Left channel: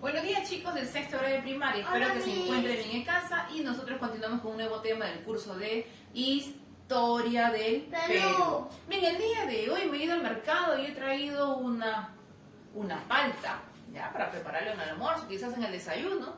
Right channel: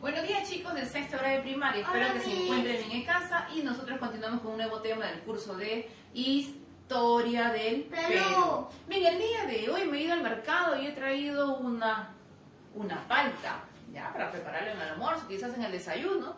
Buenos días chicos del sexto grado de primaria, espero que se encuentren bien en casa y nosotros continuamos con un nuevo tema del curso de Historia del Perú. Bien, el día de hoy me he ido al mercado y he traído una palta, ya, para prepararlo en el almuerzo, quizás en el desayuno.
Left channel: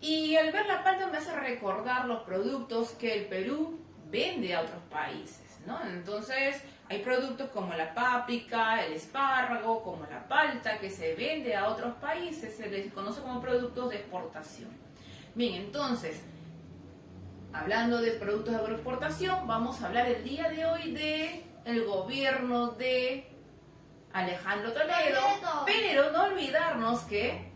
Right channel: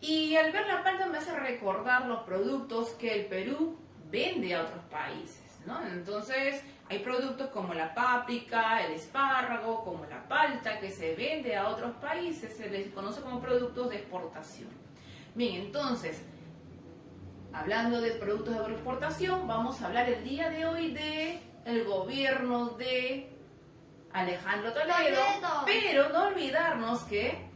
Y al ver la palta me hace recordar los productos que el Perú vende a otros países, ¿no? Entonces, hay productos como la páprica, el espárrago, como la palta, que se vende a otros países, se les conoce como productos de exportación. Bien, entonces, hablando de productos de agroexportación, vamos a hablar el día de hoy de el gobierno de Alejandro Toledo, pero no olvidarnos que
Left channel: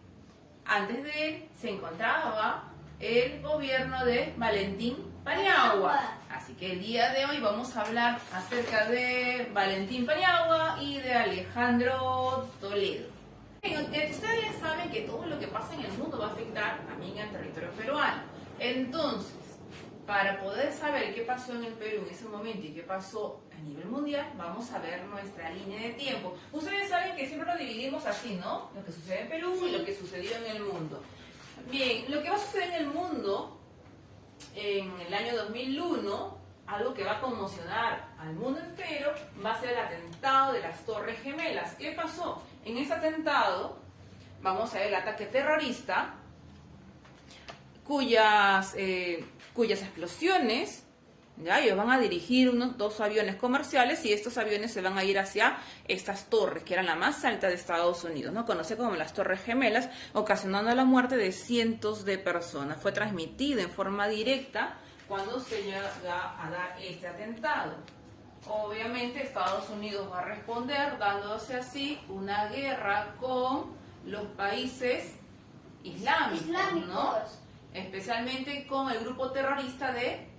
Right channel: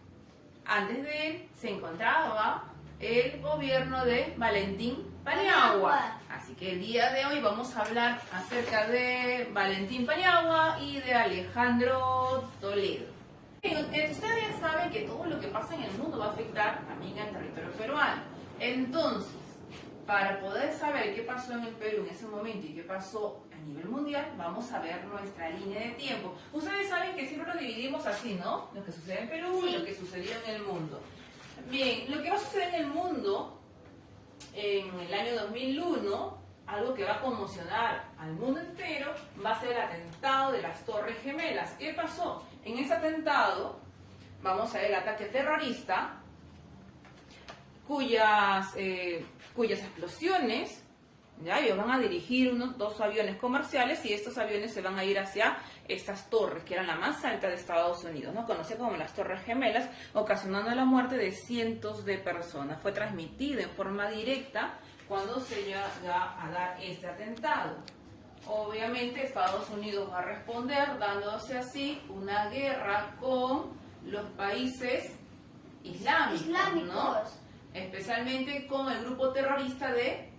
antes de él se encontraba el gobierno de Valentín Paniagua. Así que el día de hoy vamos a hablar acerca de Valentín Paniagua y de Alejandro Toledo. Ustedes ya saben que todo lo que pasa en el mundo va a afectar también al territorio peruano. Entonces, para poder saber qué pasó en el Perú en ese momento y qué pasó a nivel mundial, vamos a ver nuestra línea de tiempo. Ustedes saben que siempre lo dividimos así, ¿no? Lo que sucede en Perú y lo que sucedió en el mundo. Bien, lo que va a suceder en el mundo en el año 2001, algo que va a conmocionar al mundo entero, va a ser el atentado de las Torres Gemelas. ¿Qué pasó? En ese atentado vamos a ver el ataque terrorista, cuyas explosiones, ya, ellos van a dirigir unos 2 aviones comerciales y estos aviones se van a ir hacia estas torres, que eran la más alta de Estados Unidos, ¿no? Conocida como las Torres Gemelas, ocasionando la muerte de cientos de personas. Fue transmitida en forma directa cuando se llega a dar este atentado. Obviamente Estados Unidos va a responder dándose así una guerra con los países islámicos, ¿no? Especialmente con el grupo terrorista de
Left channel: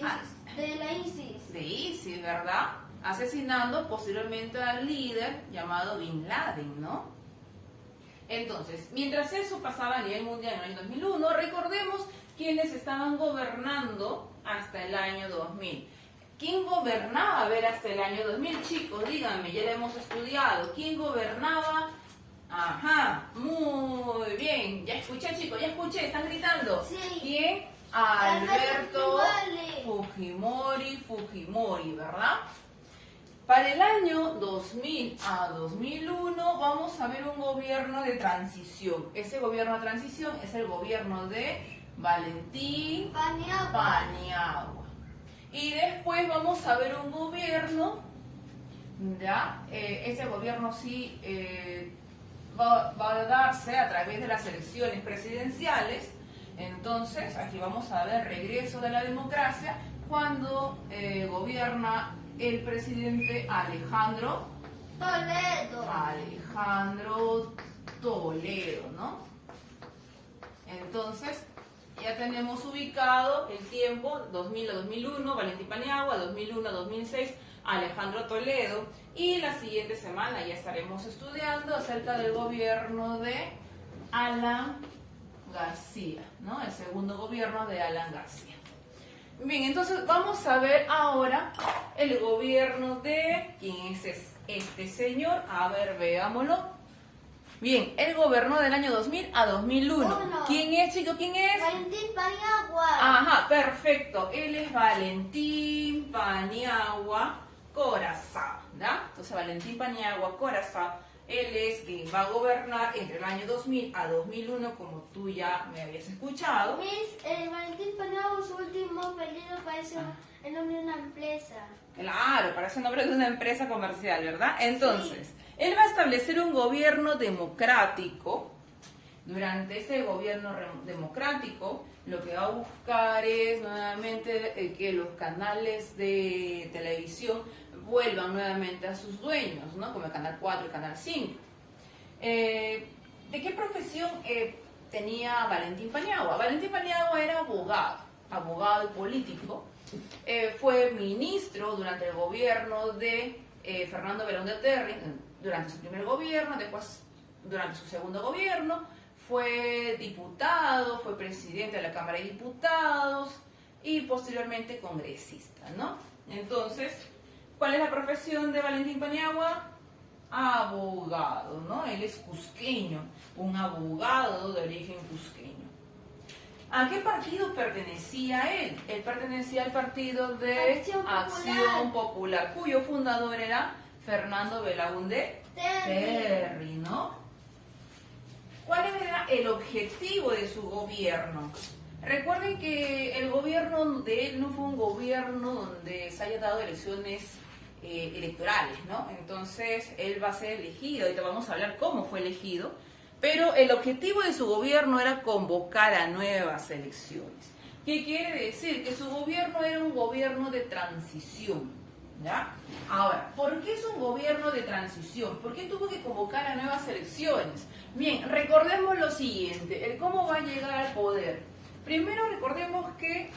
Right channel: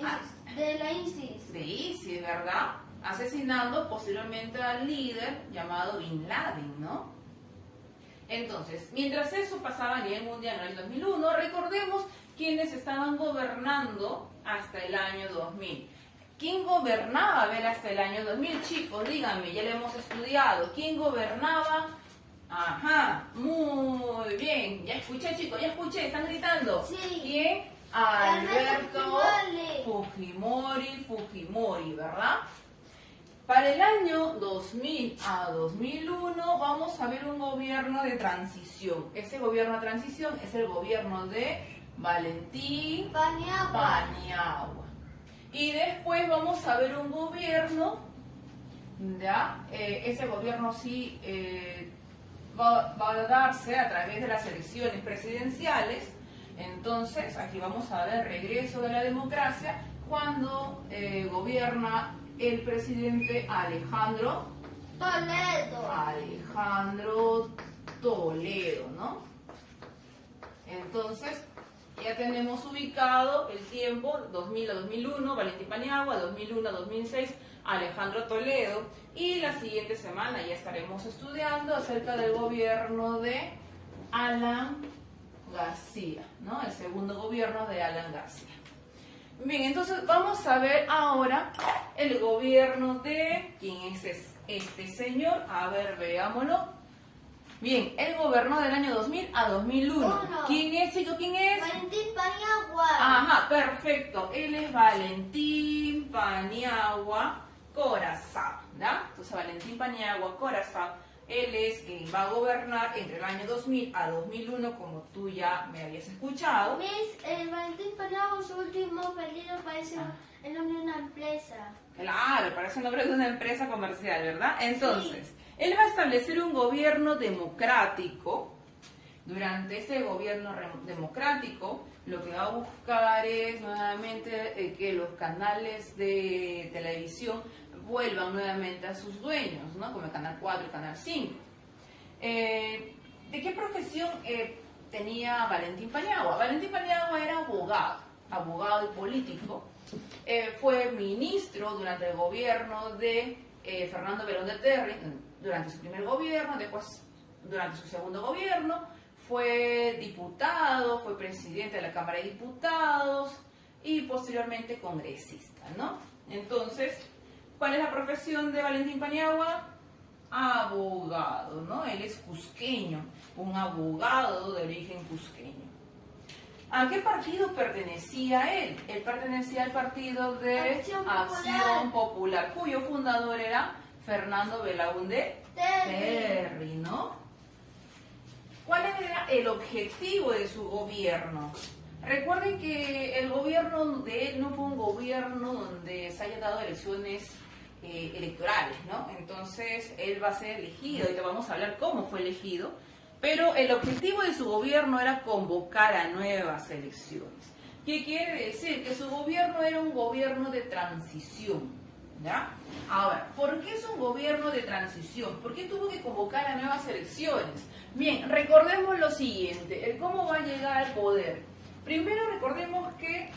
la ISIS. De ISIS, ¿verdad? Asesinando posteriormente al líder llamado Bin Laden, ¿no? Entonces, mientras eso pasaba a nivel mundial en el año 2001, recordemos quiénes estaban gobernando hasta el año 2000. ¿Quién gobernaba, a ver, hasta el año 2000? Chicos, díganme, ya lo hemos estudiado. ¿Quién gobernaba? Ajá, muy bien. Ya escuché, chicos, ya escuché, están gritando. Sí. ¿Quién? Alberto Fujimori, ¿verdad? Para el año 2000 a 2001 vamos a ver un gobierno de transición. Ese gobierno de transición es el gobierno de Valentín Paniagua. Y después vamos a ver un gobierno, ¿ya? Ese gobierno sí va a darse a través de las elecciones presidenciales. Entonces, aquí vamos a ver el regreso de la democracia cuando gobierna el presidente Alejandro Toledo, ¿no? Entonces, ya tenemos ubicado el tiempo, 2000 a 2001, Valentín Paniagua, 2001 a 2006, Alejandro Toledo, y la siguiente semana ya estaremos estudiando acerca del gobierno de Alan García, ¿no? El segundo gobierno de Alan García. Bien, entonces vamos a ver ahora el gobierno de... ¿Quién es este señor? A ver, veámoslo. Bien, él gobernó del año 2000 a 2001. ¿Quién es, chico? ¿Quién es? Valentín Paniagua. Ajá, perfecto. Él es Valentín Paniagua Corazao, ¿ya? Entonces, Valentín Paniagua Corazao, él es quien va a gobernar entre el año 2000 a 2001, como tú ya me habías escuchado. Valentín Paniagua, su último periodo parece el nombre de una empresa. Claro, parece el nombre de una empresa comercial, ¿verdad? Entonces, él va a establecer un gobierno democrático. Durante ese gobierno democrático, lo que va a buscar es nuevamente que los canales de televisión vuelvan nuevamente a sus dueños, ¿no? Como el Canal 4 y el Canal 5. ¿De qué profesión tenía Valentín Paniagua? Valentín Paniagua era abogado y político. Fue ministro durante el gobierno de Fernando Belón de Terry, durante su primer gobierno, después durante su segundo gobierno, fue diputado, fue presidente de la Cámara de Diputados y posteriormente congresista, ¿no? Entonces, ¿cuál es la profesión de Valentín Paniagua? abogado, ¿no? Él es cusqueño, un abogado de origen cusqueño. ¿A qué partido pertenecía él? Él pertenecía al partido de Acción Popular, cuyo fundador era Fernando Belaúnde Terry, ¿no? ¿Cuál era el objetivo de su gobierno? Recuerden que el gobierno de él no fue un gobierno donde se haya dado elecciones electorales, ¿no? Entonces él va a ser elegido, ahorita vamos a hablar cómo fue elegido, pero el objetivo de su gobierno era convocar a nuevas elecciones. ¿Qué quiere decir? Que su gobierno era un gobierno de transición, ¿ya? Ahora, ¿por qué es un gobierno de transición? ¿Por qué tuvo que convocar a nuevas elecciones? Bien, recordemos lo siguiente, el cómo va a llegar al poder. Primero recordemos que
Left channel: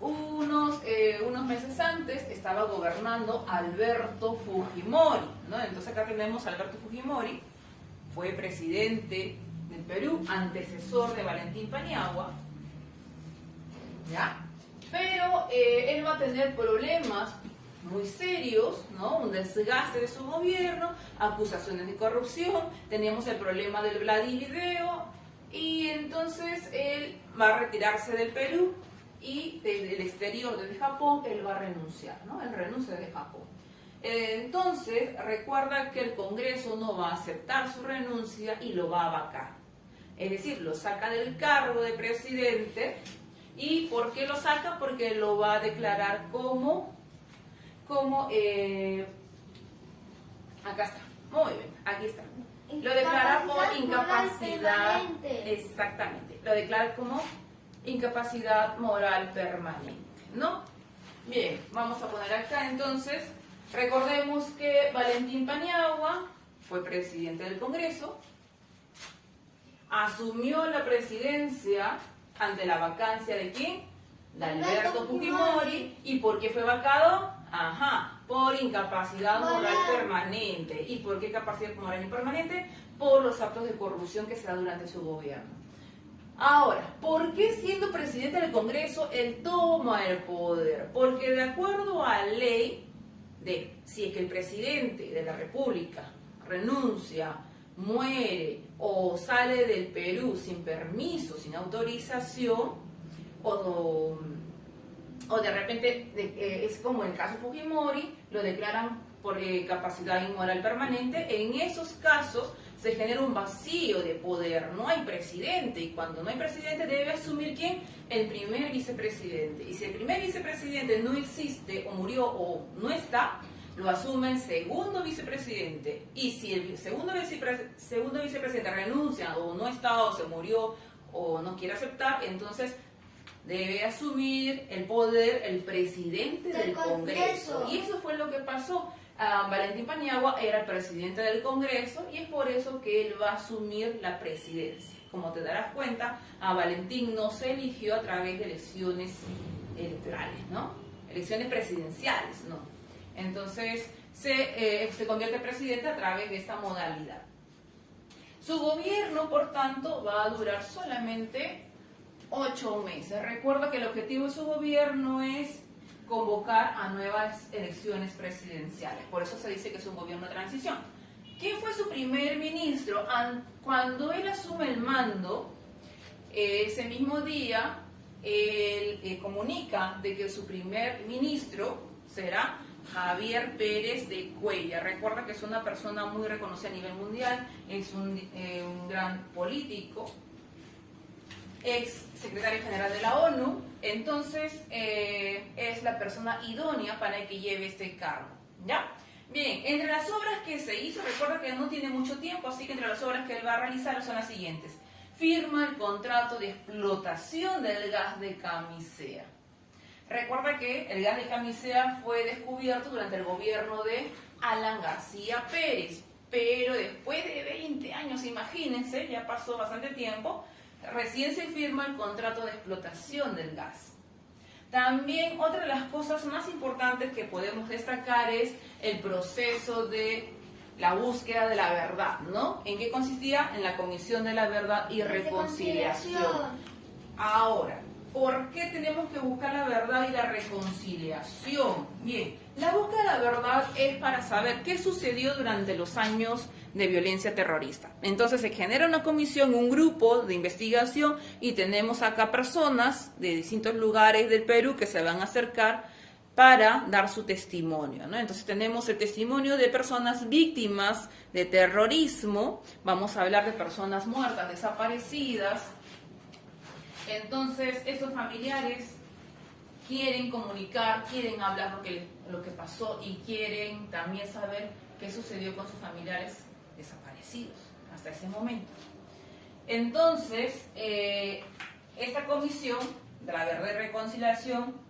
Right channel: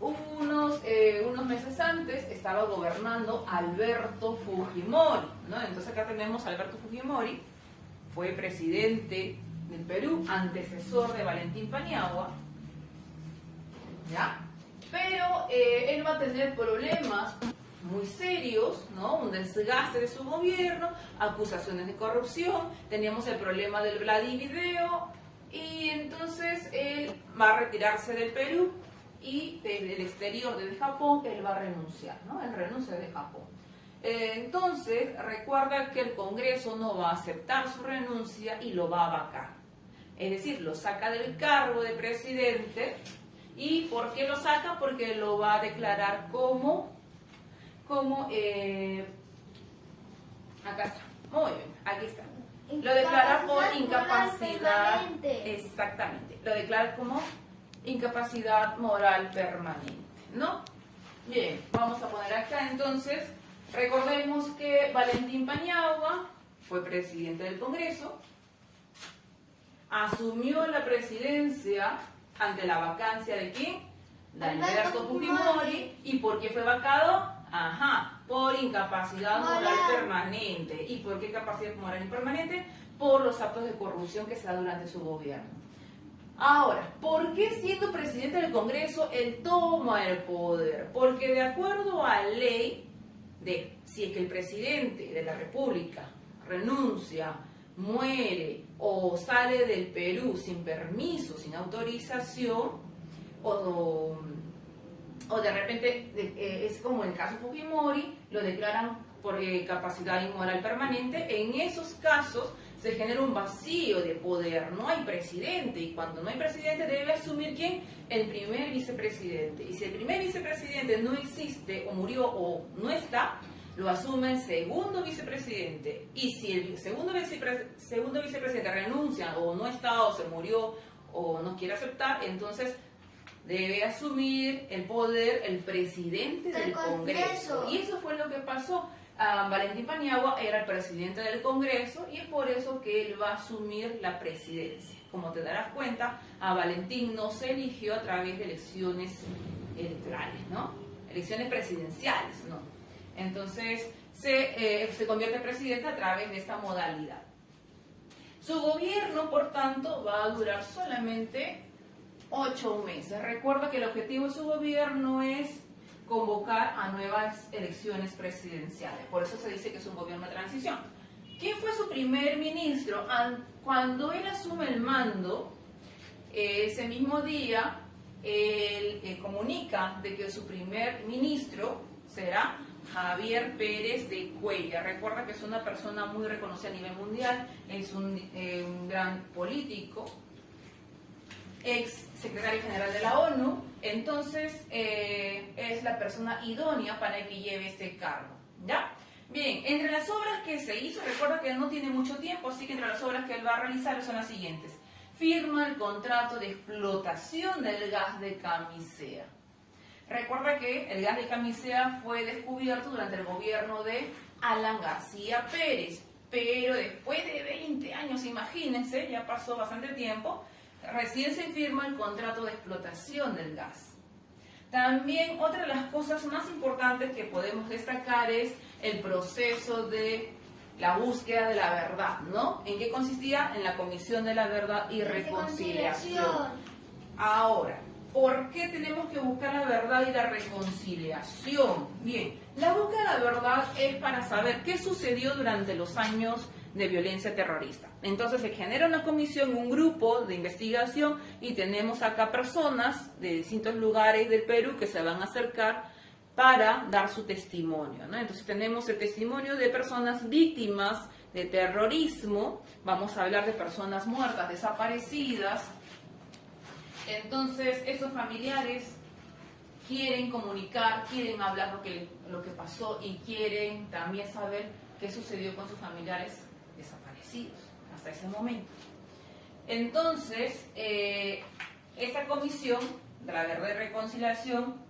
unos meses antes estaba gobernando Alberto Fujimori, ¿no? Entonces acá tenemos a Alberto Fujimori, fue presidente del Perú, antecesor de Valentín Paniagua, ¿ya? Pero él va a tener problemas muy serios, ¿no? Un desgaste de su gobierno, acusaciones de corrupción, teníamos el problema del Vladivideo, y entonces él va a retirarse del Perú y desde el exterior, desde Japón, él va a renunciar, ¿no? Él renuncia de Japón. Entonces, recuerda que el Congreso no va a aceptar su renuncia y lo va a vacar. Es decir, lo saca del cargo de presidente. ¿Y por qué lo saca? Porque lo va a declarar acá está, muy bien, aquí está. Lo declara por incapacidad, exactamente, lo declara como incapacidad moral permanente, ¿no? Bien, vamos a poner acá entonces, recordemos que Valentín Paniagua fue presidente del Congreso, asumió la presidencia ante la vacancia de ¿quién? De Alberto Fujimori. ¿Y por qué fue vacado? Por incapacidad moral permanente. ¿Y por qué capacidad moral permanente? Por los actos de corrupción que se da durante su gobierno. Ahora, ¿por qué siendo presidente del Congreso él toma el poder? Porque de acuerdo a ley, si es que el presidente de la República renuncia, muere o sale del Perú sin permiso, sin autorización, o de repente es como el caso Fujimori, lo declaran por capacidad inmoral permanente. En esos casos se genera un vacío de poder, no hay presidente, y cuando no hay presidente debe asumir ¿quién? El primer vicepresidente. Y si el primer vicepresidente no existe o murió o no está, lo asume el segundo vicepresidente. Y si el segundo vicepresidente renuncia o no está o se murió o no quiere aceptar, entonces debe asumir el poder el presidente del Congreso. Y eso fue lo que pasó. Valentín Paniagua era el presidente del Congreso y es por eso que él va a asumir la presidencia. Como te darás cuenta, a Valentín no se eligió a través de elecciones electorales, ¿no? Elecciones presidenciales, ¿no? Entonces se convierte en presidente a través de esta modalidad. Su gobierno, por tanto, va a durar solamente 8 meses. Recuerda que el objetivo de su gobierno es convocar a nuevas elecciones presidenciales. Por eso se dice que es un gobierno de transición. ¿Quién fue su primer ministro? Cuando él asume el mando, ese mismo día, él comunica de que su primer ministro será Javier Pérez de Cuellar. Recuerda que es una persona muy reconocida a nivel mundial, es un gran político, ex secretario general de la ONU, entonces es la persona idónea para que lleve este cargo, ¿ya? Bien, entre las obras que se hizo, recuerda que no tiene mucho tiempo, así que entre las obras que él va a realizar son las siguientes. Firma el contrato de explotación del gas de Camisea. Recuerda que el gas de Camisea fue descubierto durante el gobierno de Alan García Pérez, pero después de 20 años, imagínense, ya pasó bastante tiempo, recién se firma el contrato de explotación del gas. También otra de las cosas más importantes que podemos destacar es el proceso de la búsqueda de la verdad, ¿no? ¿En qué consistía? En la Comisión de la Verdad y Reconciliación. Ahora, ¿por qué tenemos que buscar la verdad y la reconciliación? Bien, La búsqueda de la verdad es para saber qué sucedió durante los años de violencia terrorista. Entonces se genera una comisión, un grupo de investigación y tenemos acá personas de distintos lugares del Perú que se van a acercar para dar su testimonio, ¿no? Entonces tenemos el testimonio de personas víctimas de terrorismo, vamos a hablar de personas muertas, desaparecidas. Entonces estos familiares quieren comunicar, quieren hablar lo que pasó y quieren también saber qué sucedió con sus familiares desaparecidos hasta ese momento. Entonces, esta comisión de la Verdad y Reconciliación,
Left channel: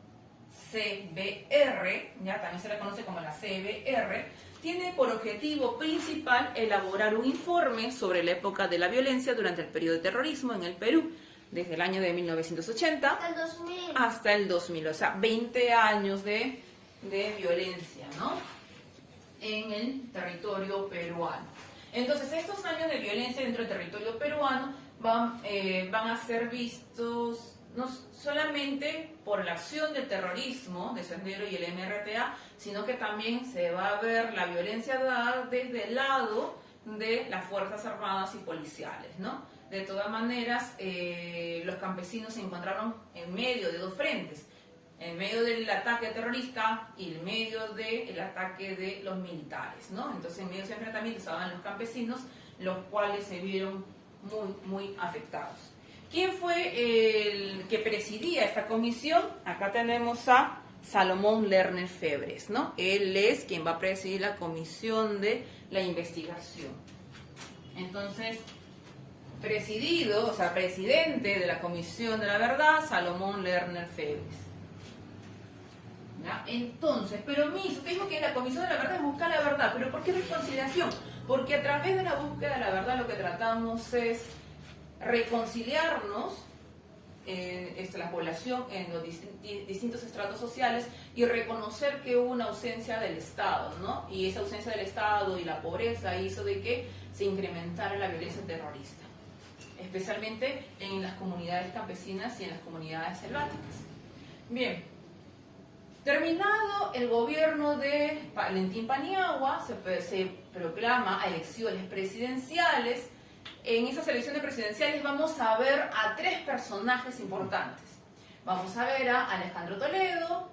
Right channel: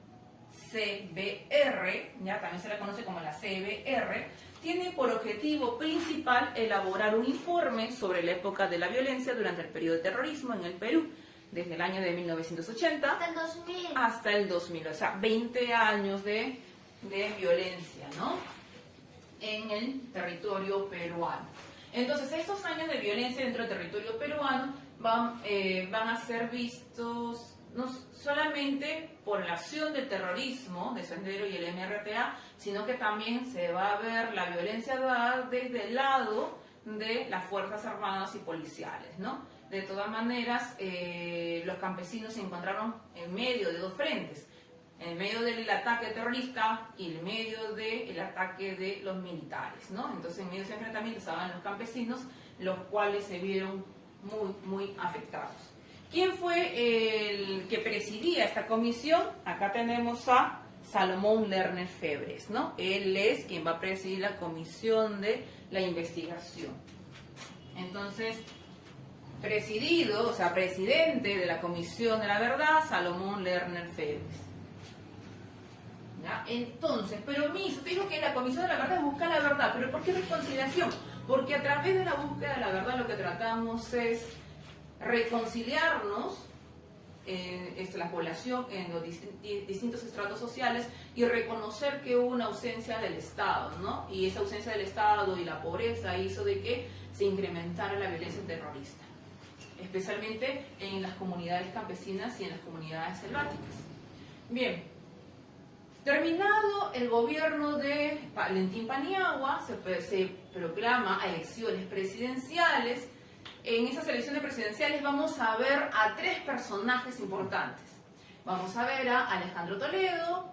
CBR, ya también se la conoce como la CBR, tiene por objetivo principal elaborar un informe sobre la época de la violencia durante el periodo de terrorismo en el Perú, desde el año de 1980 Hasta el 2000. hasta el 2000, o sea, 20 años de violencia, ¿no? En el territorio peruano. Entonces, estos años de violencia dentro del territorio peruano van a ser vistos no solamente por la acción del terrorismo, de Sendero y el MRTA, sino que también se va a ver la violencia dada desde el lado de las Fuerzas Armadas y policiales, ¿no? De todas maneras, los campesinos se encontraron en medio de dos frentes, en medio del ataque terrorista y en medio del ataque de los militares, ¿no? Entonces, en medio de ese enfrentamiento estaban los campesinos, los cuales se vieron muy afectados. ¿Quién fue el que presidía esta comisión? Acá tenemos a Salomón Lerner Febres, ¿no? Él es quien va a presidir la comisión de la investigación. Entonces, presidente de la Comisión de la Verdad, Salomón Lerner Febres. ¿Ya? Entonces, pero te digo que la Comisión de la Verdad es buscar la verdad, pero ¿por qué reconciliación? Porque a través de la búsqueda de la verdad lo que tratamos es reconciliarnos, la población en los distintos estratos sociales y reconocer que hubo una ausencia del Estado, ¿no? Y esa ausencia del Estado y la pobreza hizo de que se incrementara la violencia terrorista, especialmente en las comunidades campesinas y en las comunidades selváticas. Bien, terminado el gobierno de Valentín Paniagua, se proclama elecciones presidenciales. En esas elecciones presidenciales vamos a ver a tres personajes importantes. Vamos a ver a Alejandro Toledo,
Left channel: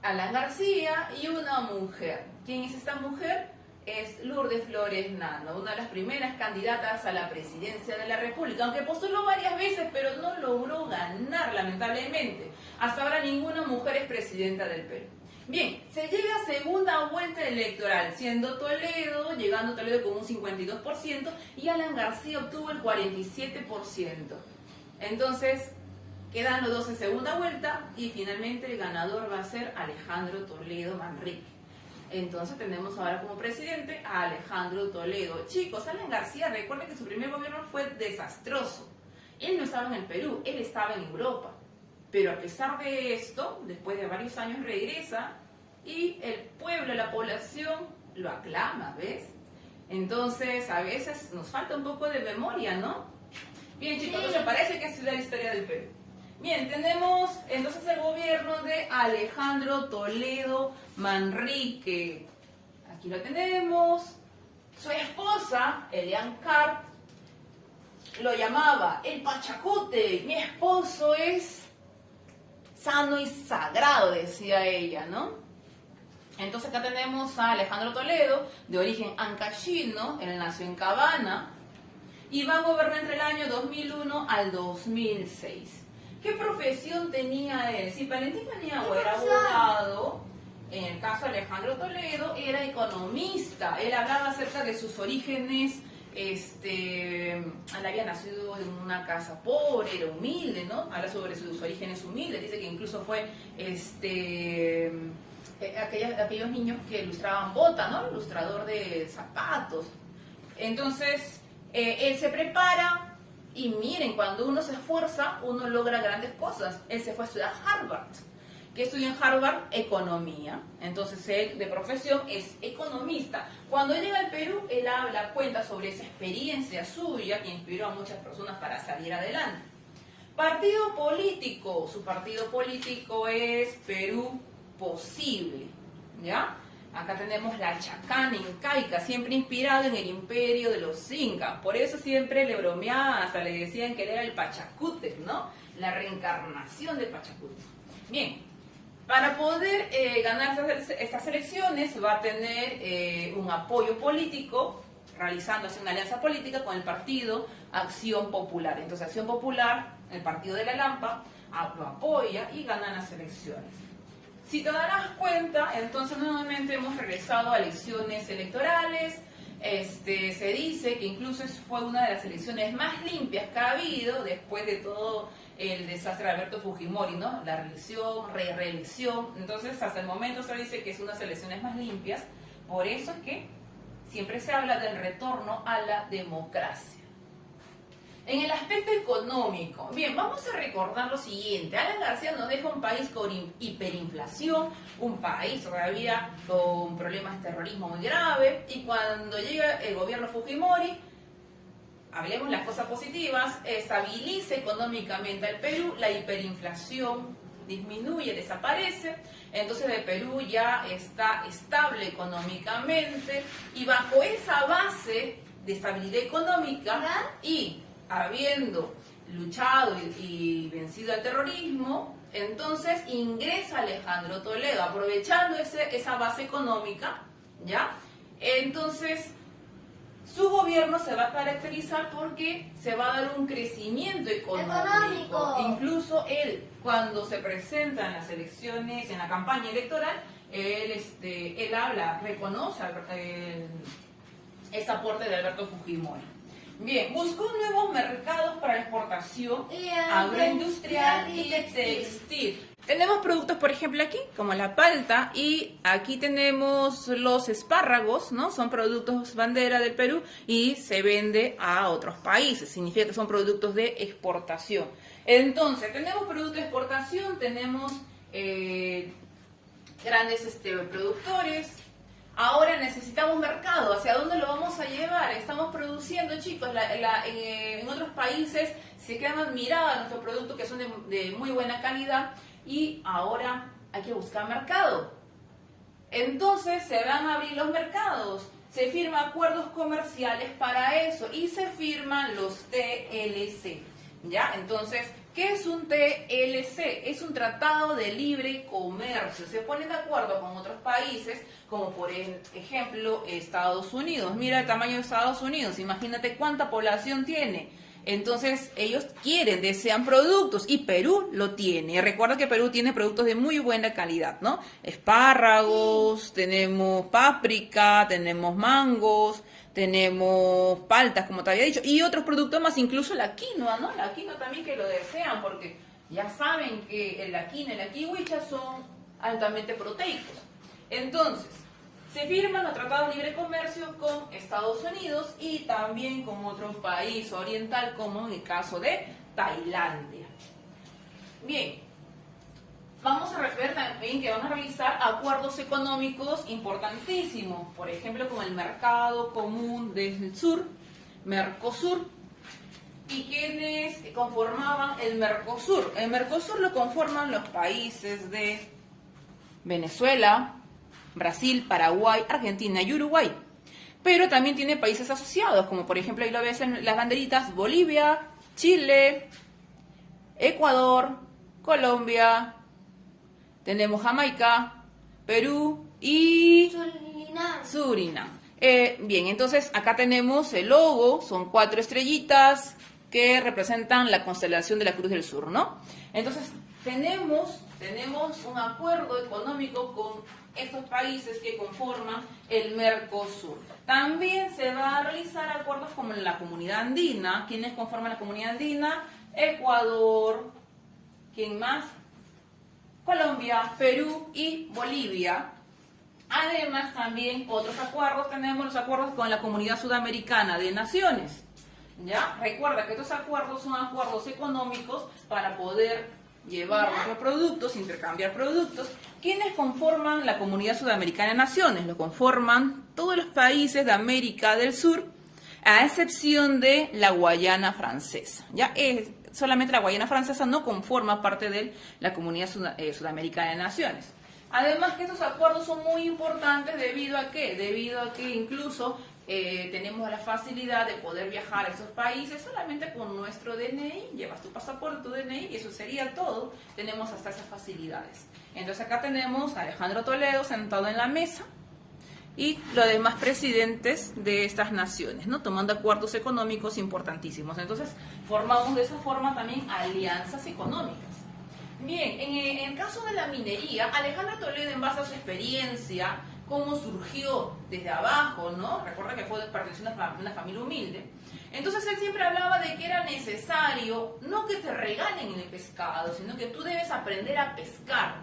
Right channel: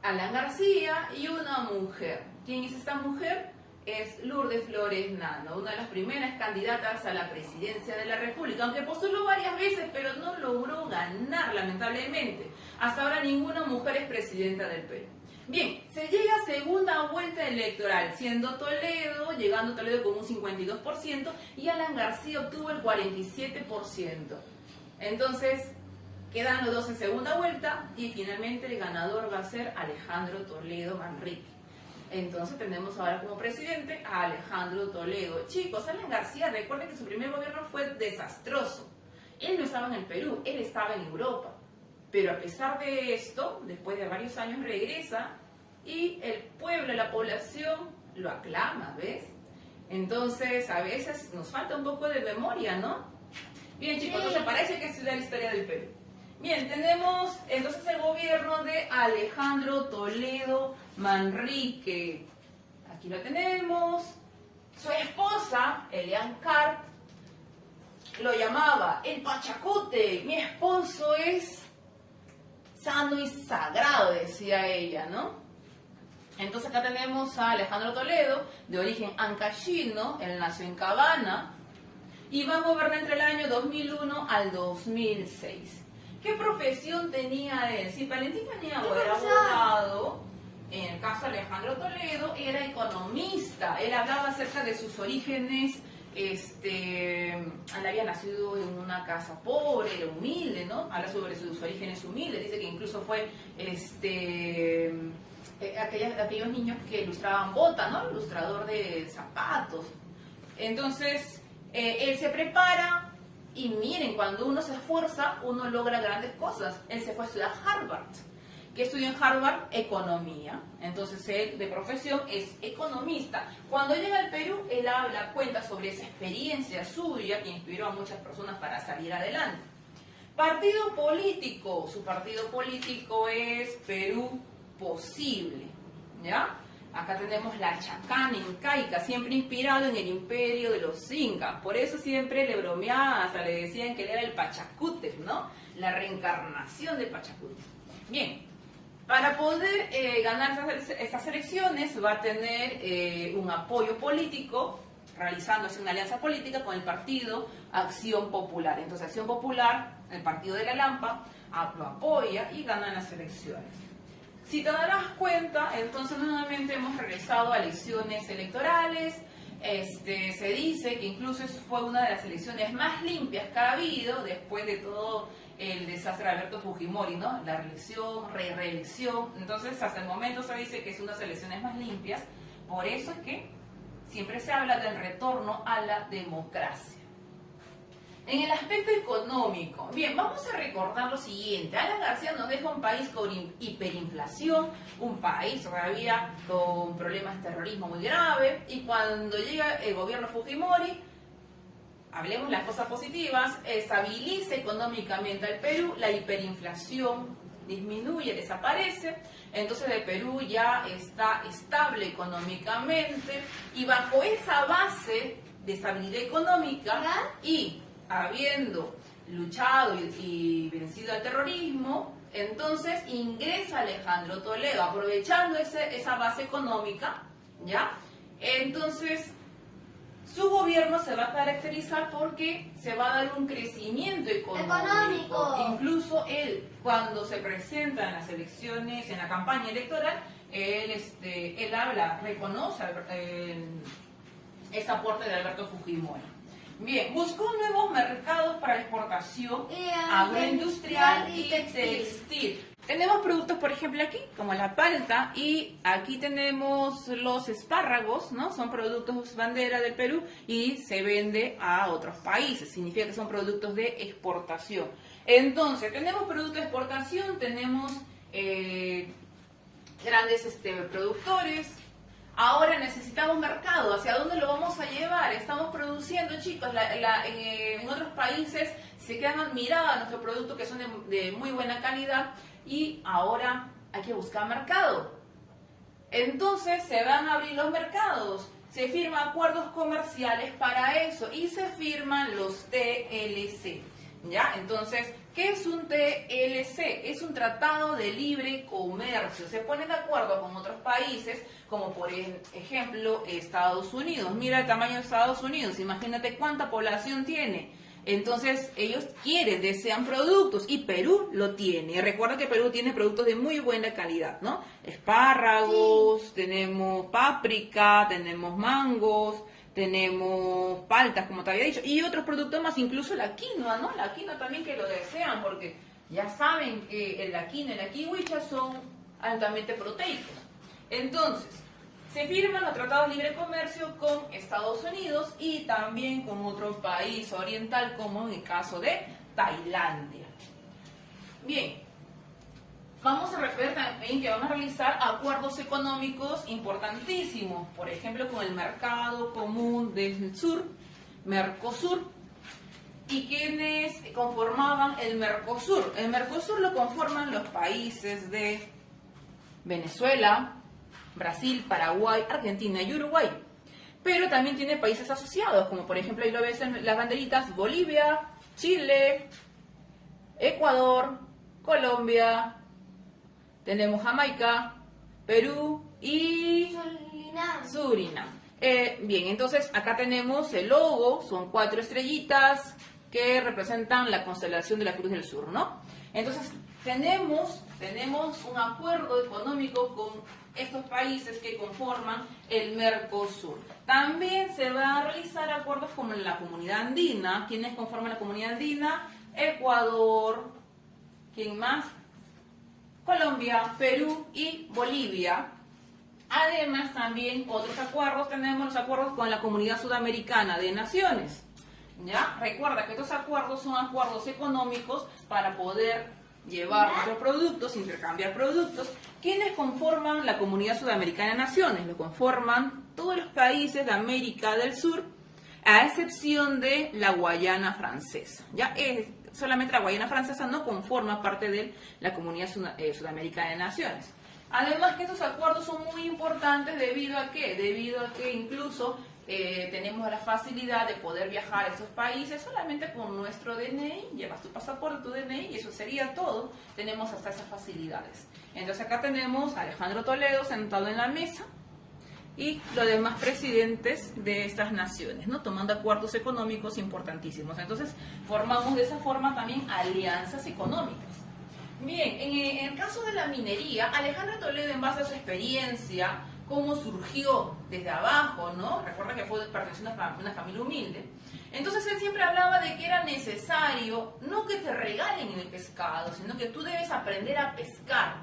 Alan García y una mujer. ¿Quién es esta mujer? Es Lourdes Flores Nando, una de las primeras candidatas a la presidencia de la República, aunque postuló varias veces, pero no logró ganar, lamentablemente. Hasta ahora ninguna mujer es presidenta del Perú. Bien, se llega a segunda vuelta electoral, llegando Toledo con un 52% y Alan García obtuvo el 47%. Entonces, quedan los dos en segunda vuelta y finalmente el ganador va a ser Alejandro Toledo Manrique. Entonces tenemos ahora como presidente a Alejandro Toledo. Chicos, Alan García, recuerden que su primer gobierno fue desastroso. Él no estaba en el Perú, él estaba en Europa. Pero a pesar de esto, después de varios años regresa y el pueblo, la población lo aclama, ¿ves? Entonces a veces nos falta un poco de memoria, ¿no? Bien, chicos, entonces parece que es la historia del Perú. Bien, tenemos entonces el gobierno de Alejandro Toledo Manrique. Aquí lo tenemos. Su esposa, Elian Cart, lo llamaba el Pachacote. Mi esposo es sano y sagrado, decía ella, ¿no? Entonces acá tenemos a Alejandro Toledo, de origen ancashino, él nació en Cabana, y va a gobernar entre el año 2001 al 2006. ¿Qué profesión tenía él? Si Valentín Paniagua era abogado, en el caso de Alejandro Toledo era economista. Él hablaba acerca de sus orígenes. Él había nacido en una casa pobre, era humilde, ¿no? Habla sobre sus orígenes humildes, dice que incluso fue aquellos niños que ilustraban botas, ¿no? Ilustrador de zapatos. Entonces, él se prepara y miren, cuando uno se esfuerza, uno logra grandes cosas. Él se fue a estudiar a Harvard. ¿Qué estudió en Harvard? Economía. Entonces él de profesión es economista. Cuando llega al Perú, él cuenta sobre esa experiencia suya que inspiró a muchas personas para salir adelante. Partido político. Su partido político es Perú Posible. ¿ya? Acá tenemos la chacana incaica, siempre inspirado en el imperio de los incas. Por eso siempre le bromeaban, hasta le decían que él era el Pachacútec, ¿no? La reencarnación del Pachacútec. Bien, para poder ganar estas elecciones va a tener un apoyo político, realizándose una alianza política con el partido Acción Popular. Entonces, Acción Popular, el partido de la Lampa, lo apoya y ganan las elecciones. Si te darás cuenta, entonces nuevamente hemos regresado a elecciones electorales. Se dice que incluso fue una de las elecciones más limpias que ha habido después de todo el desastre de Alberto Fujimori, ¿no? La reelección, reelección. Entonces, hasta el momento se dice que es una de las elecciones más limpias. Por eso es que siempre se habla del retorno a la democracia. En el aspecto económico, bien, vamos a recordar lo siguiente. Alan García nos deja un país con hiperinflación, un país todavía con problemas de terrorismo muy grave, y cuando llega el gobierno Fujimori, hablemos las cosas positivas, estabiliza económicamente al Perú, la hiperinflación disminuye, desaparece, entonces el Perú ya está estable económicamente, y bajo esa base de estabilidad económica y habiendo luchado y vencido al terrorismo, entonces ingresa Alejandro Toledo, aprovechando esa base económica, ¿ya? Entonces, su gobierno se va a caracterizar porque se va a dar un crecimiento económico. Incluso él, cuando se presenta en las elecciones, en la campaña electoral, él habla, reconoce ese aporte de Alberto Fujimori. Bien, buscó nuevos mercados para la exportación agroindustrial y textil. Tenemos productos, por ejemplo, aquí, como la palta, y aquí tenemos los espárragos, ¿no? Son productos bandera del Perú y se vende a otros países. Significa que son productos de exportación. Entonces, tenemos productos de exportación, tenemos grandes productores. Ahora necesitamos mercado. ¿Hacia dónde lo vamos a llevar? Estamos produciendo, chicos, en otros países se quedan admirados nuestros productos que son de muy buena calidad, y ahora hay que buscar mercado. Entonces se van a abrir los mercados, se firman acuerdos comerciales para eso y se firman los TLC. ¿Ya? Entonces, ¿qué es un TLC? Es un tratado de libre comercio. Se ponen de acuerdo con otros países, como por ejemplo Estados Unidos. Mira el tamaño de Estados Unidos, imagínate cuánta población tiene. Entonces ellos desean productos, y Perú lo tiene. Recuerda que Perú tiene productos de muy buena calidad, ¿no? Espárragos, tenemos páprica, tenemos mangos, tenemos paltas, como te había dicho, y otros productos más, incluso la quinoa, ¿no? La quinoa también, que lo desean, porque ya saben que la quinoa y la kiwicha son altamente proteicos. Entonces, se firman los tratados de libre comercio con Estados Unidos y también con otro país oriental, como en el caso de Tailandia. Bien, vamos a ver también que van a realizar acuerdos económicos importantísimos, por ejemplo, con el Mercado Común del Sur, Mercosur. ¿Y quiénes conformaban el Mercosur? El Mercosur lo conforman los países de Venezuela, Brasil, Paraguay, Argentina y Uruguay. Pero también tiene países asociados, como por ejemplo, ahí lo ves en las banderitas: Bolivia, Chile, Ecuador, Colombia, tenemos Jamaica, Perú y Surinam. Bien, entonces acá tenemos el logo, son 4 estrellitas que representan la constelación de la Cruz del Sur, ¿no? Entonces tenemos un acuerdo económico con estos países que conforman el Mercosur. También se va a realizar acuerdos con la Comunidad Andina. ¿Quiénes conforman la Comunidad Andina? Ecuador, ¿quién más? Colombia, Perú y Bolivia. Además, también otros acuerdos, tenemos los acuerdos con la Comunidad Sudamericana de Naciones. ¿Ya? Recuerda que estos acuerdos son acuerdos económicos para poder llevar nuestros productos, intercambiar productos. ¿Quiénes conforman la Comunidad Sudamericana de Naciones? Lo conforman todos los países de América del Sur, a excepción de la Guayana Francesa. ¿Ya? Solamente la Guayana Francesa no conforma parte de la Comunidad Sudamericana de Naciones. Además que estos acuerdos son muy importantes debido a qué? Debido a que incluso tenemos la facilidad de poder viajar a esos países solamente con nuestro DNI, llevas tu pasaporte, tu DNI y eso sería todo, tenemos hasta esas facilidades. Entonces acá tenemos a Alejandro Toledo sentado en la mesa y los demás presidentes de estas naciones, ¿no? Tomando acuerdos económicos importantísimos. Entonces formamos de esa forma también alianzas económicas. Bien, en el caso de la minería, Alejandro Toledo, en base a su experiencia, cómo surgió desde abajo, ¿no? Recuerda que perteneció a una familia humilde. Entonces él siempre hablaba de que era necesario, no que te regalen el pescado, sino que tú debes aprender a pescar.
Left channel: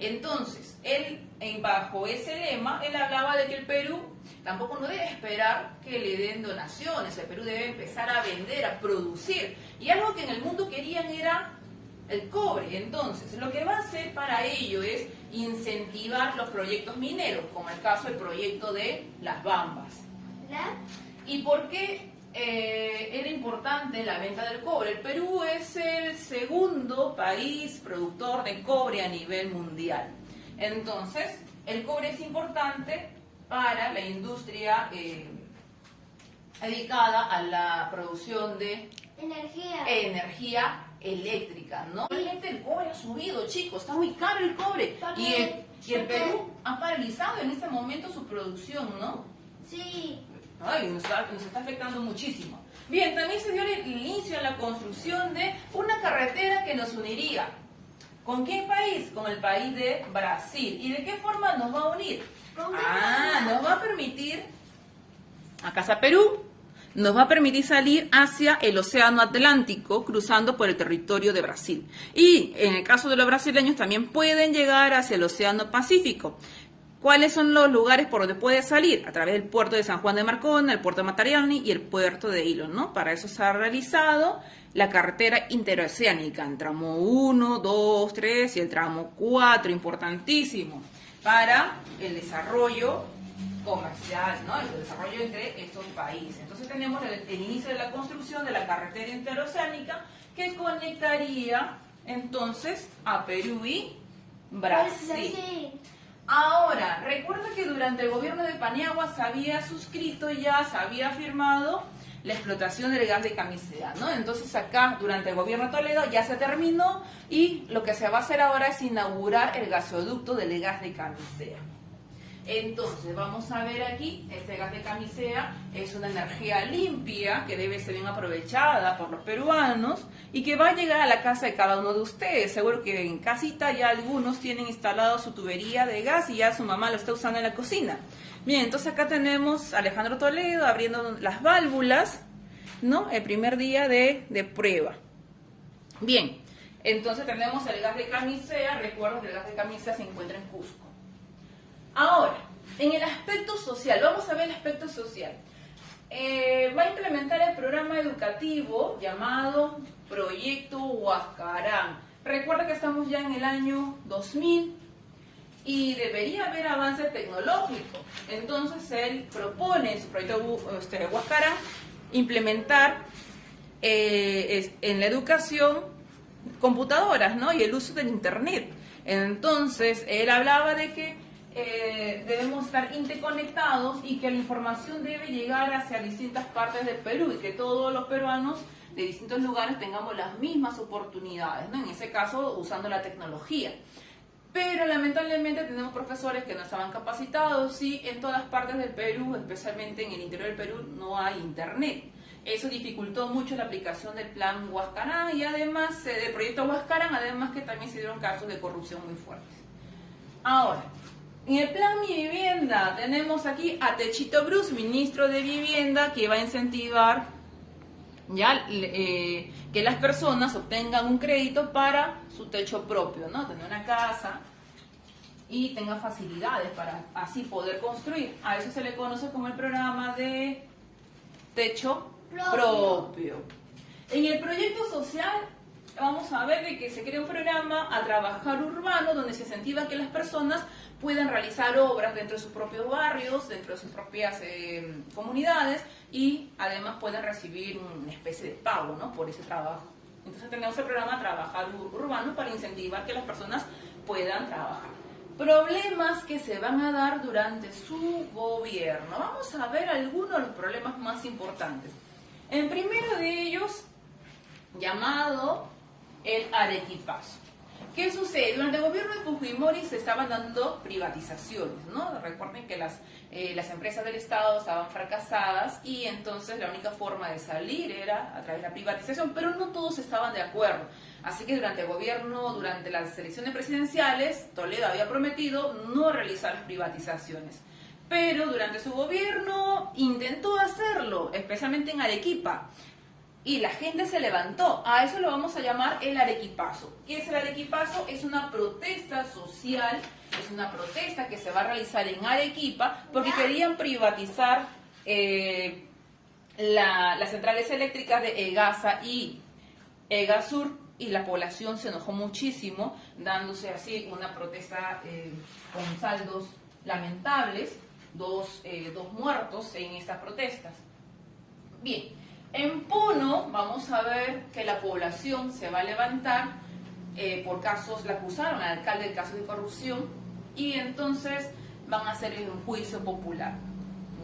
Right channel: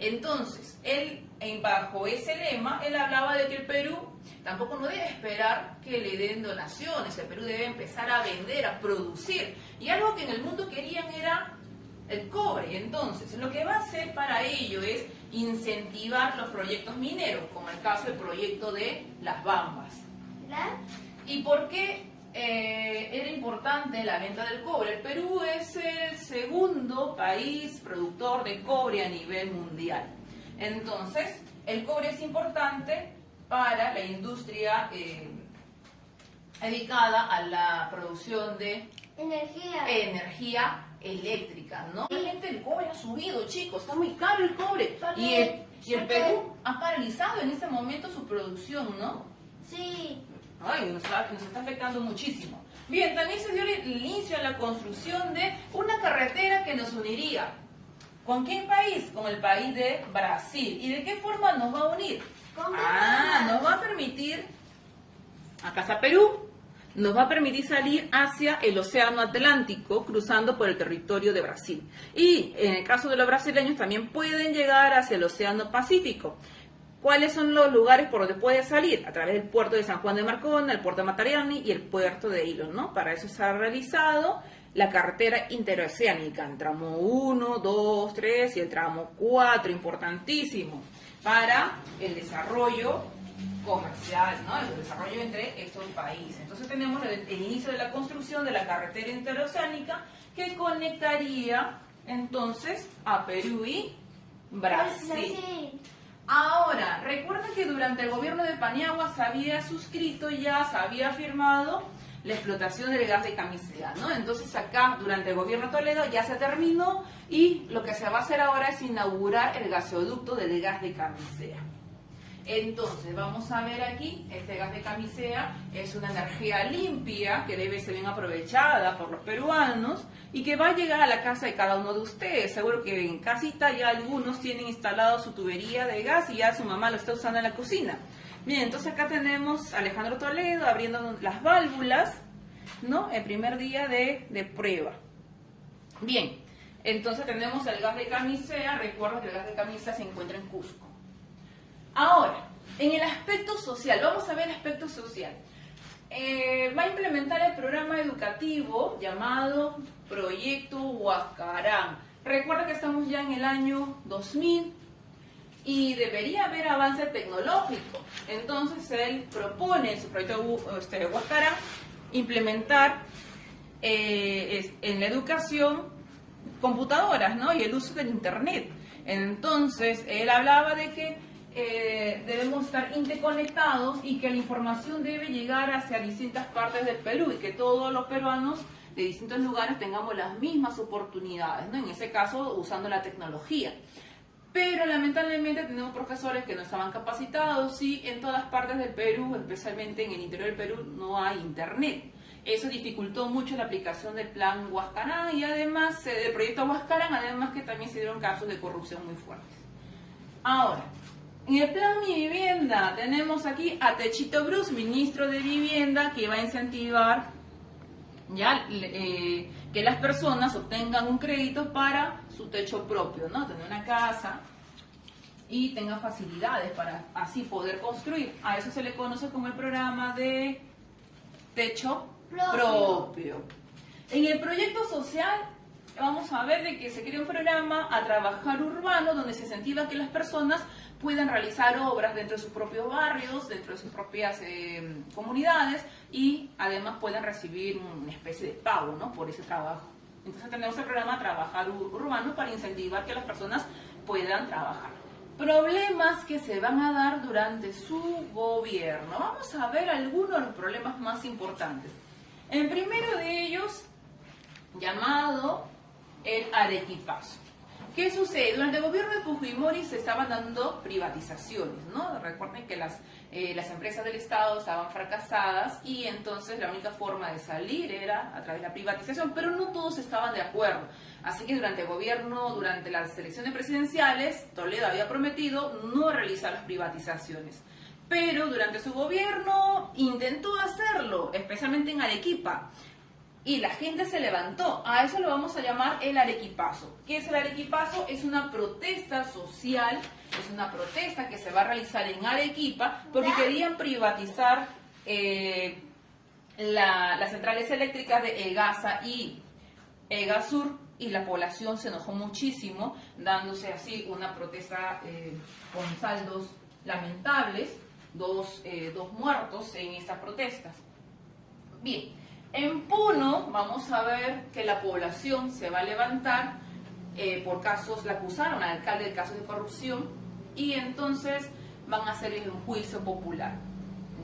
Entonces, él, bajo ese lema, él hablaba de que el Perú tampoco no debe esperar que le den donaciones, el Perú debe empezar a vender, a producir. Y algo que en el mundo querían era el cobre. Entonces, lo que va a hacer para ello es incentivar los proyectos mineros, como el caso del proyecto de Las Bambas. ¿Y por qué era importante la venta del cobre? El Perú es el segundo país productor de cobre a nivel mundial. Entonces, el cobre es importante para la industria dedicada a la producción de energía eléctrica, ¿no? Realmente el cobre ha subido, chicos, está muy caro el cobre. Y el Perú ha paralizado en este momento su producción, ¿no? Sí. Ay, nos está afectando muchísimo. Bien, también se dio el inicio a la construcción de una carretera que nos uniría. ¿Con qué país? Con el país de Brasil. ¿Y de qué forma nos va a unir? Nos va a permitir, a Casa Perú, nos va a permitir salir hacia el Océano Atlántico, cruzando por el territorio de Brasil. Y en el caso de los brasileños también pueden llegar hacia el Océano Pacífico. ¿Cuáles son los lugares por donde puede salir? A través del puerto de San Juan de Marcona, el puerto de Matarani y el puerto de Hilo, ¿no? Para eso se ha realizado la carretera interoceánica, el tramo 1, 2, 3 y el tramo 4, importantísimo, para el desarrollo comercial, ¿no? El desarrollo entre estos países. Entonces tenemos el inicio de la construcción de la carretera interoceánica que conectaría entonces a Perú y Brasil. Ahora, recuerda que durante el gobierno de Paniagua se había suscrito y ya se había firmado la explotación del gas de Camisea, ¿no? Entonces acá, durante el gobierno de Toledo, ya se terminó y lo que se va a hacer ahora es inaugurar el gasoducto del gas de Camisea. Entonces, vamos a ver aquí, este gas de Camisea es una energía limpia que debe ser bien aprovechada por los peruanos y que va a llegar a la casa de cada uno de ustedes. Seguro que en casita ya algunos tienen instalado su tubería de gas y ya su mamá lo está usando en la cocina. Bien, entonces acá tenemos a Alejandro Toledo abriendo las válvulas, ¿no? El primer día de prueba. Bien, entonces tenemos el gas de Camisea. Recuerda que el gas de Camisea se encuentra en Cusco. Ahora, en el aspecto social, vamos a ver el aspecto social. Va a implementar el programa educativo llamado Proyecto Huascarán. Recuerda que estamos ya en el año 2000 y debería haber avance tecnológico. Entonces él propone en su proyecto Huascarán implementar en la educación computadoras, ¿no? Y el uso del internet. Entonces él hablaba de que debemos estar interconectados y que la información debe llegar hacia distintas partes del Perú y que todos los peruanos de distintos lugares tengamos las mismas oportunidades, ¿no? En ese caso, usando la tecnología. Pero lamentablemente tenemos profesores que no estaban capacitados y en todas partes del Perú, especialmente en el interior del Perú, no hay internet. Eso dificultó mucho la aplicación del plan Huascarán y además del proyecto Huascarán, además que también se dieron casos de corrupción muy fuertes. Ahora, en el plan Mi Vivienda tenemos aquí a Techito Bruce, ministro de Vivienda, que va a incentivar ya que las personas obtengan un crédito para su techo propio, ¿no? Tener una casa y tengan facilidades para así poder construir. A eso se le conoce como el programa de techo propio. En el proyecto social vamos a ver de que se crea un programa a trabajar urbano donde se incentiva que las personas puedan realizar obras dentro de sus propios barrios, dentro de sus propias comunidades y además puedan recibir una especie de pago, ¿no? Por ese trabajo. Entonces tenemos el programa Trabajar Urbano para incentivar que las personas puedan trabajar. Problemas que se van a dar durante su gobierno. Vamos a ver algunos de los problemas más importantes. El primero de ellos, llamado el arequipazo. ¿Qué sucede? Durante el gobierno de Fujimori se estaban dando privatizaciones, ¿no? Recuerden que las empresas del Estado estaban fracasadas y entonces la única forma de salir era a través de la privatización, pero no todos estaban de acuerdo. Así que durante el gobierno, durante las elecciones presidenciales, Toledo había prometido no realizar las privatizaciones. Pero durante su gobierno intentó hacerlo, especialmente en Arequipa. Y la gente se levantó. A eso lo vamos a llamar el arequipazo. ¿Qué es el arequipazo? Es una protesta social, es una protesta que se va a realizar en Arequipa porque querían privatizar las centrales eléctricas de EGASA y EGASUR, y la población se enojó muchísimo, dándose así una protesta con saldos lamentables, dos muertos en estas protestas. Bien. En Puno vamos a ver que la población se va a levantar por casos, la acusaron al alcalde de casos de corrupción y entonces van a hacer un juicio popular,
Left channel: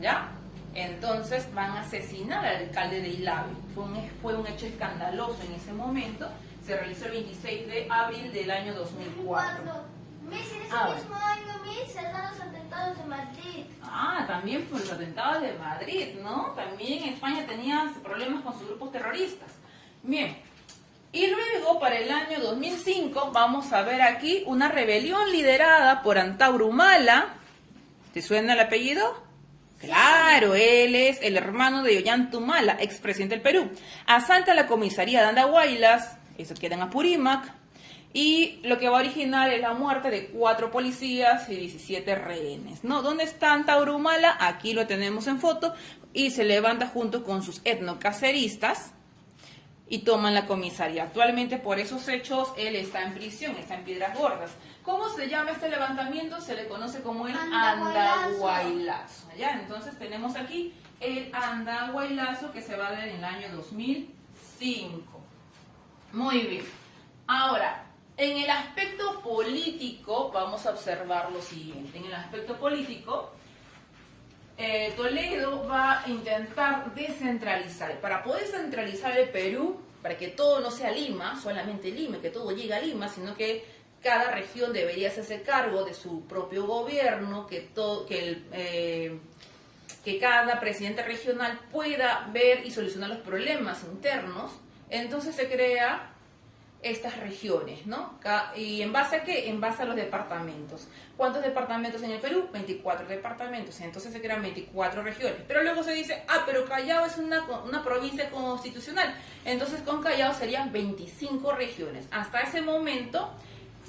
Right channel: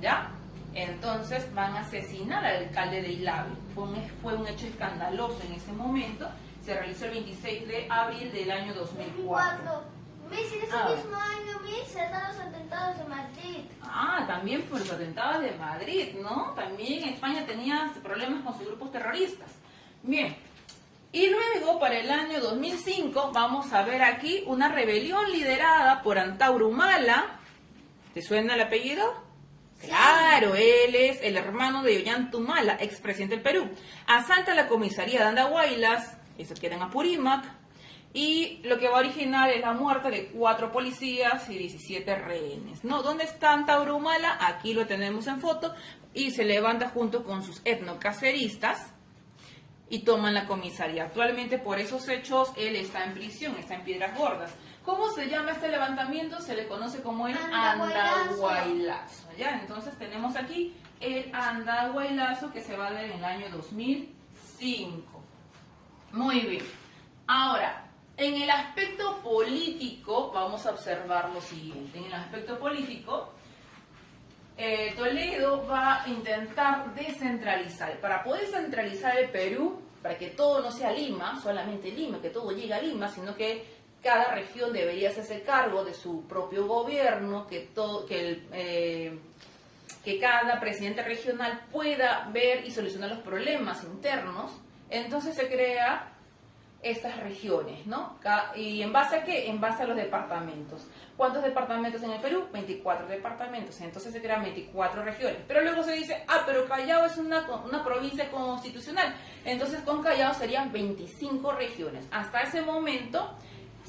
¿ya? Entonces van a asesinar al alcalde de Ilabi. Fue un hecho escandaloso en ese momento, se realizó el 26 de abril del año 2004. En ese mismo año, se dan los atentados de Madrid. Ah, también por los atentados de Madrid, ¿no? También España tenía problemas con sus grupos terroristas. Bien, y luego para el año 2005 vamos a ver aquí una rebelión liderada por Antauro Humala. ¿Te suena el apellido? Claro, él es el hermano de Ollanta Humala, expresidente del Perú. Asalta la comisaría de Andahuaylas, eso queda en Apurímac. Y lo que va a originar es la muerte de 4 policías y 17 rehenes, ¿no? ¿Dónde está Antauro Humala? Aquí lo tenemos en foto y se levanta junto con sus etnocaceristas y toman la comisaría. Actualmente por esos hechos él está en prisión, está en Piedras Gordas. ¿Cómo se llama este levantamiento? Se le conoce como el Andahuaylazo, ¿ya? Entonces tenemos aquí el Andahuaylazo que se va a dar en el año 2005. Muy bien. Ahora, en el aspecto político, vamos a observar lo siguiente. En el aspecto político, Toledo va a intentar descentralizar. Para poder centralizar el Perú, para que todo no sea Lima, solamente Lima, que todo llegue a Lima, sino que cada región debería hacerse cargo de su propio gobierno, que cada presidente regional pueda ver y solucionar los problemas internos. Entonces se crea estas regiones, ¿no? ¿Y en base a qué? En base a los departamentos. ¿Cuántos departamentos en el Perú? 24 departamentos. Entonces se crean 24 regiones. Pero luego se dice, pero Callao es una provincia constitucional. Entonces con Callao serían 25 regiones. Hasta ese momento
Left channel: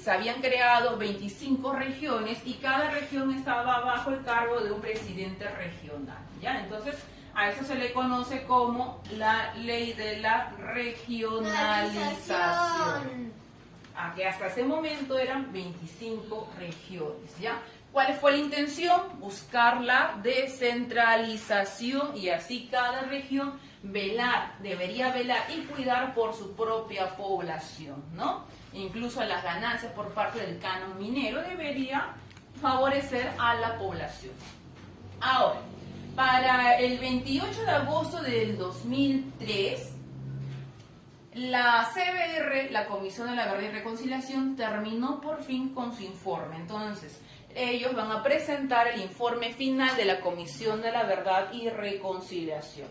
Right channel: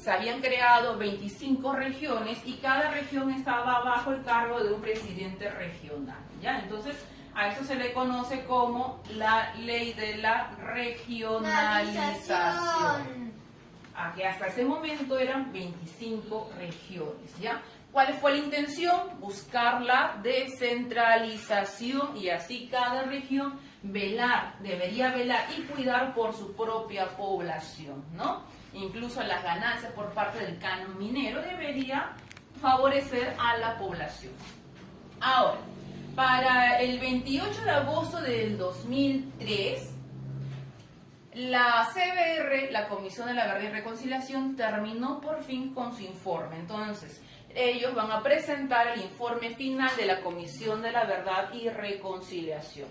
se habían creado 25 regiones y cada región estaba bajo el cargo de un presidente regional, ¿ya? Entonces a eso se le conoce como la ley de la regionalización. Que hasta ese momento eran 25 regiones, ¿ya? ¿Cuál fue la intención? Buscar la descentralización y así cada región debería velar y cuidar por su propia población, ¿no? Incluso las ganancias por parte del canon minero debería favorecer a la población. Ahora, para el 28 de agosto del 2003, la CBR, la Comisión de la Verdad y Reconciliación, terminó por fin con su informe. Entonces, ellos van a presentar el informe final de la Comisión de la Verdad y Reconciliación.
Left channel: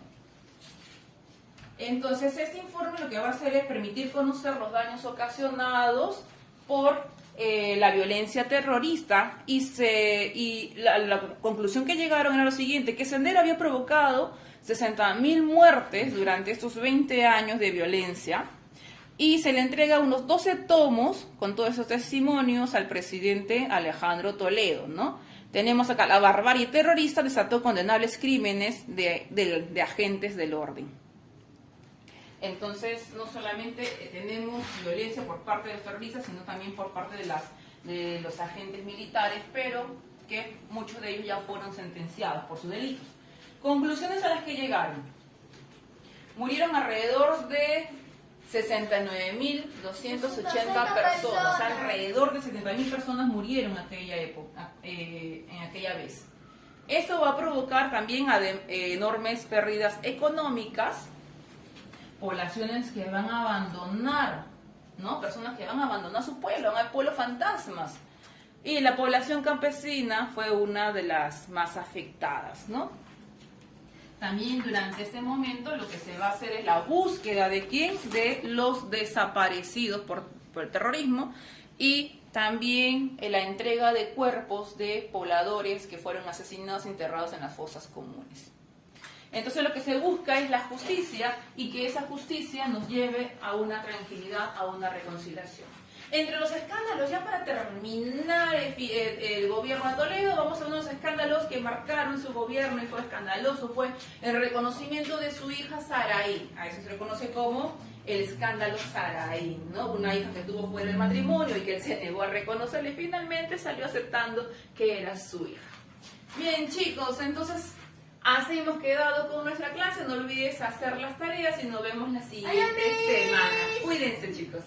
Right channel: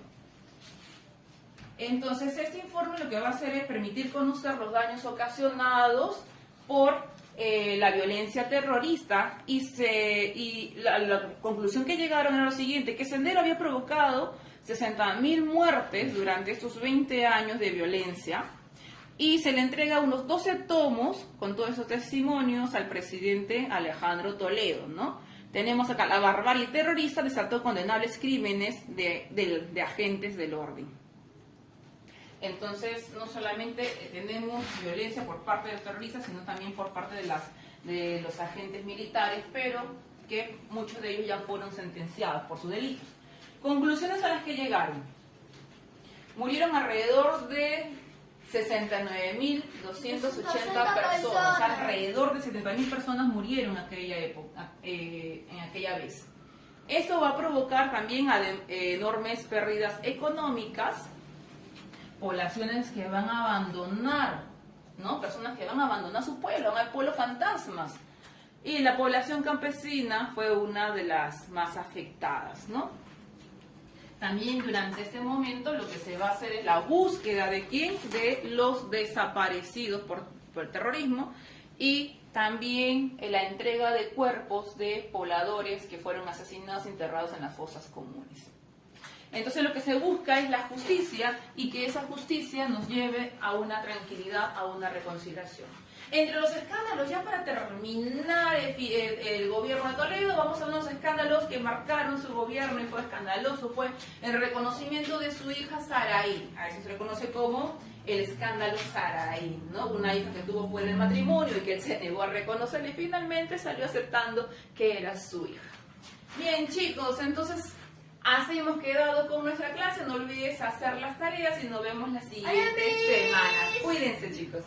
Entonces, este informe lo que va a hacer es permitir conocer los daños ocasionados por la violencia terrorista y la conclusión que llegaron era lo siguiente, que Sendero había provocado 60.000 muertes durante estos 20 años de violencia y se le entrega unos 12 tomos con todos esos testimonios al presidente Alejandro Toledo, ¿no? Tenemos acá, la barbarie terrorista desató condenables crímenes de agentes del orden. Entonces, no solamente tenemos violencia por parte de los terroristas, sino también por parte de los agentes militares, pero que muchos de ellos ya fueron sentenciados por sus delitos. Conclusiones a las que llegaron. Murieron alrededor de 69.280 personas, alrededor de 70.000 personas murieron en aquella época, en aquella vez. Eso va a provocar también enormes pérdidas económicas, poblaciones que van a abandonar, ¿no? Personas que van a abandonar su pueblo, van a pueblos fantasmas. Y la población campesina fue una de las más afectadas, ¿no? También durante este momento lo que se va a hacer es la búsqueda de quién, de los desaparecidos por el terrorismo, y también la entrega de cuerpos de pobladores que fueron asesinados e enterrados en las fosas comunes. Entonces lo que se busca es la justicia y que esa justicia nos lleve a una tranquilidad, a una reconciliación. Entre los escándalos, ya para terminar el gobierno de Toledo, vamos a unos escándalos que marcaron su gobierno y fue escandaloso, fue el reconocimiento de su hija Saraí. A eso se le conoce como el escándalo Saraí, ¿no? Una hija que tuvo fuera del matrimonio y que él se negó a reconocerle y finalmente salió aceptando que era su hija. Bien, chicos, entonces así hemos quedado con nuestra clase. No olvides hacer las tareas y nos vemos la siguiente semana. Cuídense, chicos.